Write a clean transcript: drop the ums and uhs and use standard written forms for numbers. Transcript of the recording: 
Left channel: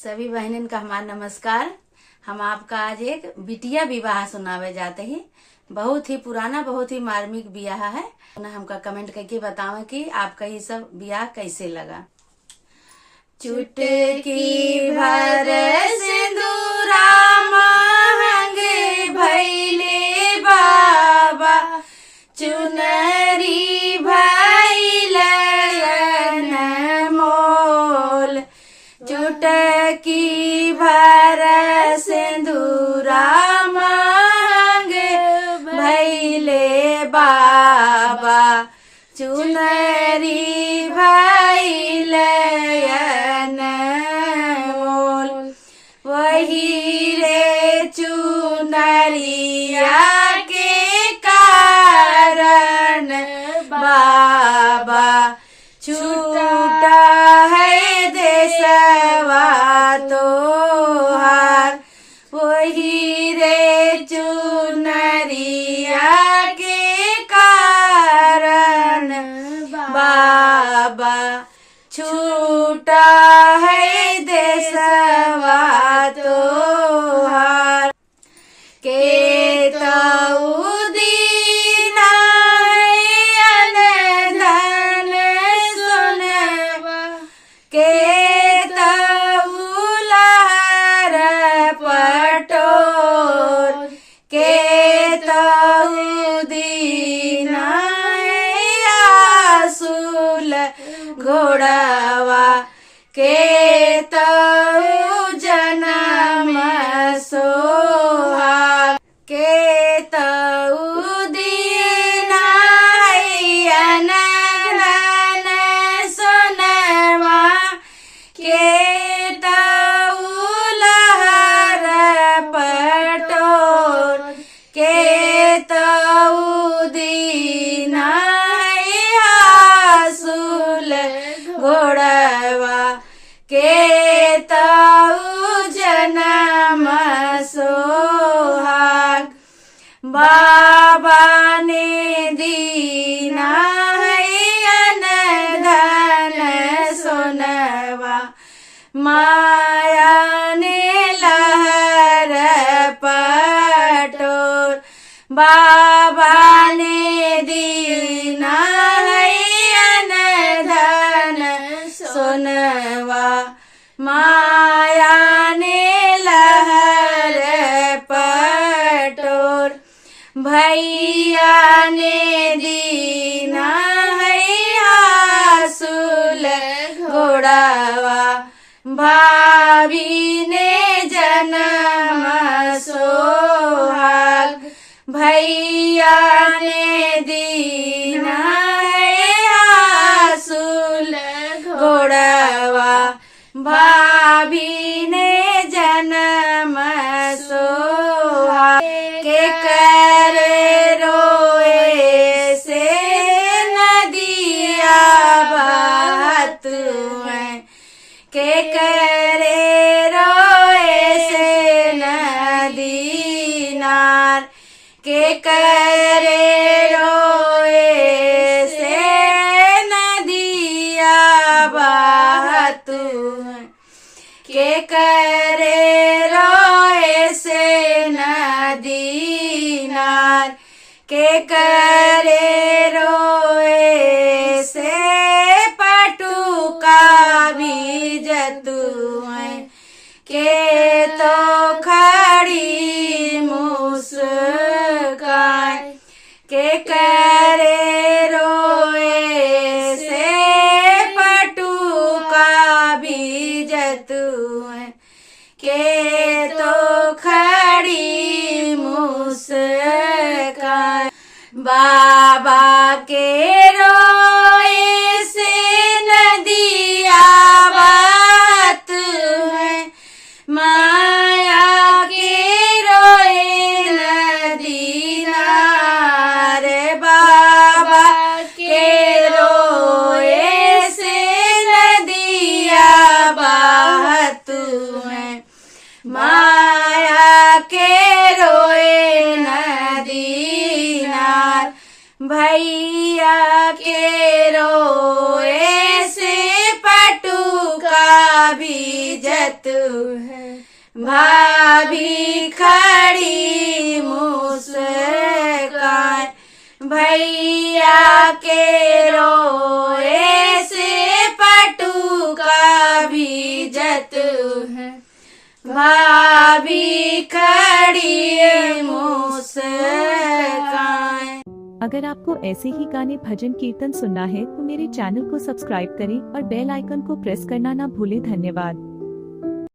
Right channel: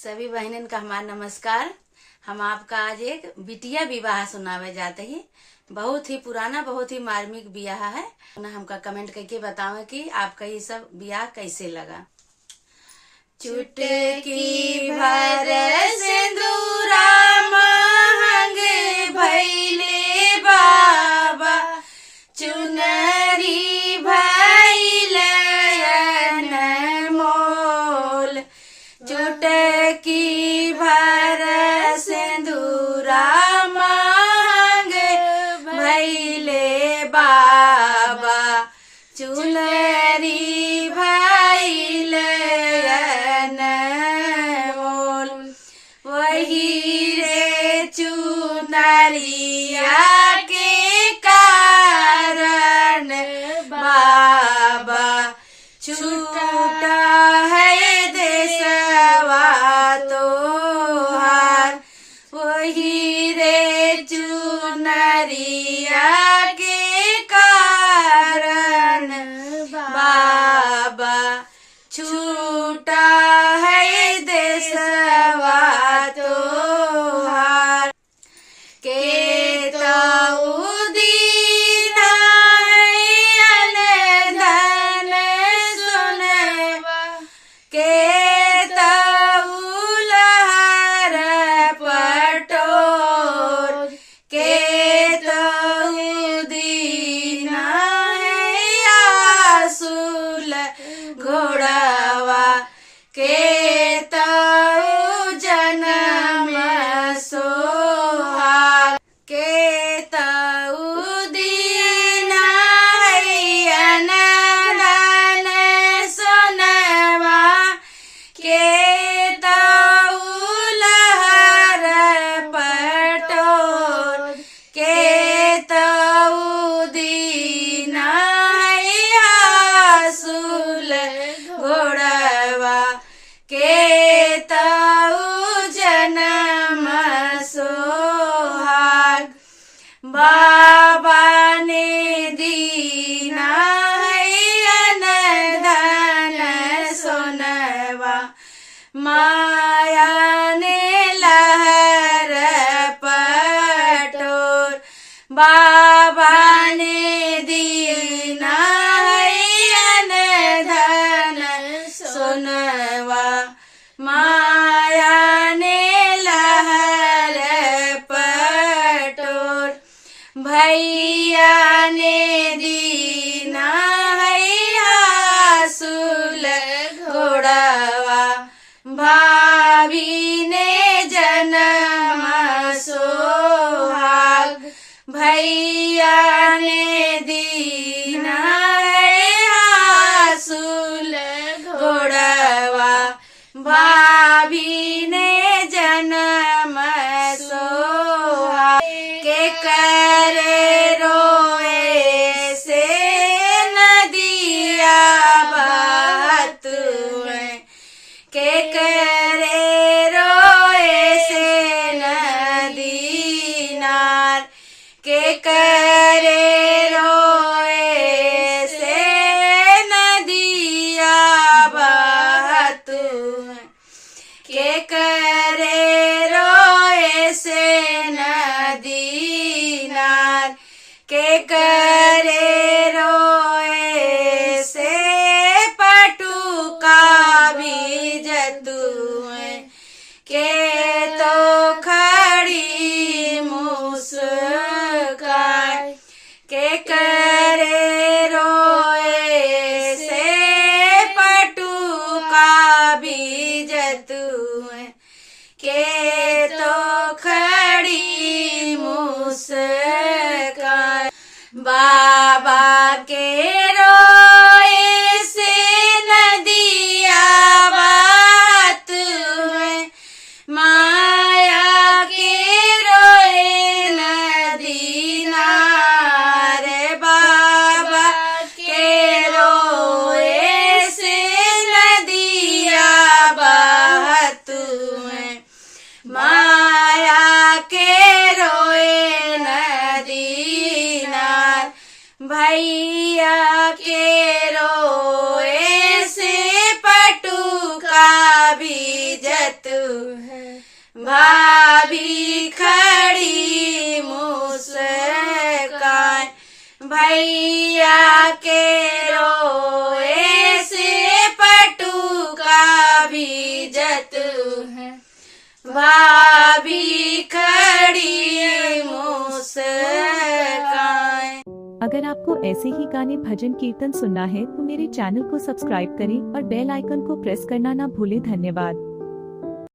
सभी बहनन का हमारा नमस्कार। हम आपका आज एक बिटिया विवाह सुनावे जाते ही। बहुत ही पुराना, बहुत ही मार्मिक ब्याह है। हमका कमेंट करके बतावे कि आपका ये सब ब्याह कैसे लगा। चुटकी भर सिंदूरा महंगे भैले बाबा, चुनरी भैल मोल। चुटकी भर सिंदूरा महंगे भैले बाबा, चुनरी भैल मोल। वही रे चुनरिया के कारण बाबा छूटा है देशवा तोहार। वही रे चुनरिया के कारण बाबा छूटा है देशवा तोहार। के ताऊ दीना अन धन सुनवा, के ताऊ लहर पटोर। के ताऊ दीना आसूल घोड़वा, के ताऊ जन्म सोहाग। के ताऊ दीना अन धन सुनवा, के ताऊ लहर पटोर। के ताऊ दीना आसूल घोड़वा, के ताऊ जन्म सोहाग। बाबा ने दीना अन धन सोनवा, माया ने लहर पटोर। बाबा ने दीना अन धन सोनवा, माया ने लहर पटोर। भैया ने दीना आसूल घोड़वा, भाभी ने जन्म सोहाग। भैया ने दीना आसूल घोड़वा, भाभी ने जन्म सोहाग। के करे रोए से नदिया बहत है, के करे रोए से नदी नार। के करे रोए से नदिया बहत है, के करे रोए से नदी नार। के करे रोए से पटुका भी जतु है, के तो खड़ी मुस्कान। के करे रोए से पटुका भी जतु है, के तो खड़ी मुस्कान। बाबा के रोए से नदिया बात है, माया के रोए नदी नार। बाबा के रोए से नदिया बहत है, माया के रोए नदी नार। भैया के रोए से पटुका भी भी जतू है, भाभी खड़ी मुस्कान, भैया के रोए से पटु का भी जतू है, भाभी खड़ी मुस्कान। अगर आपको ऐसे ही गाने भजन कीर्तन सुनना है तो मेरे चैनल को सब्सक्राइब करें और बेल आइकन को प्रेस करना ना भूलें। धन्यवाद।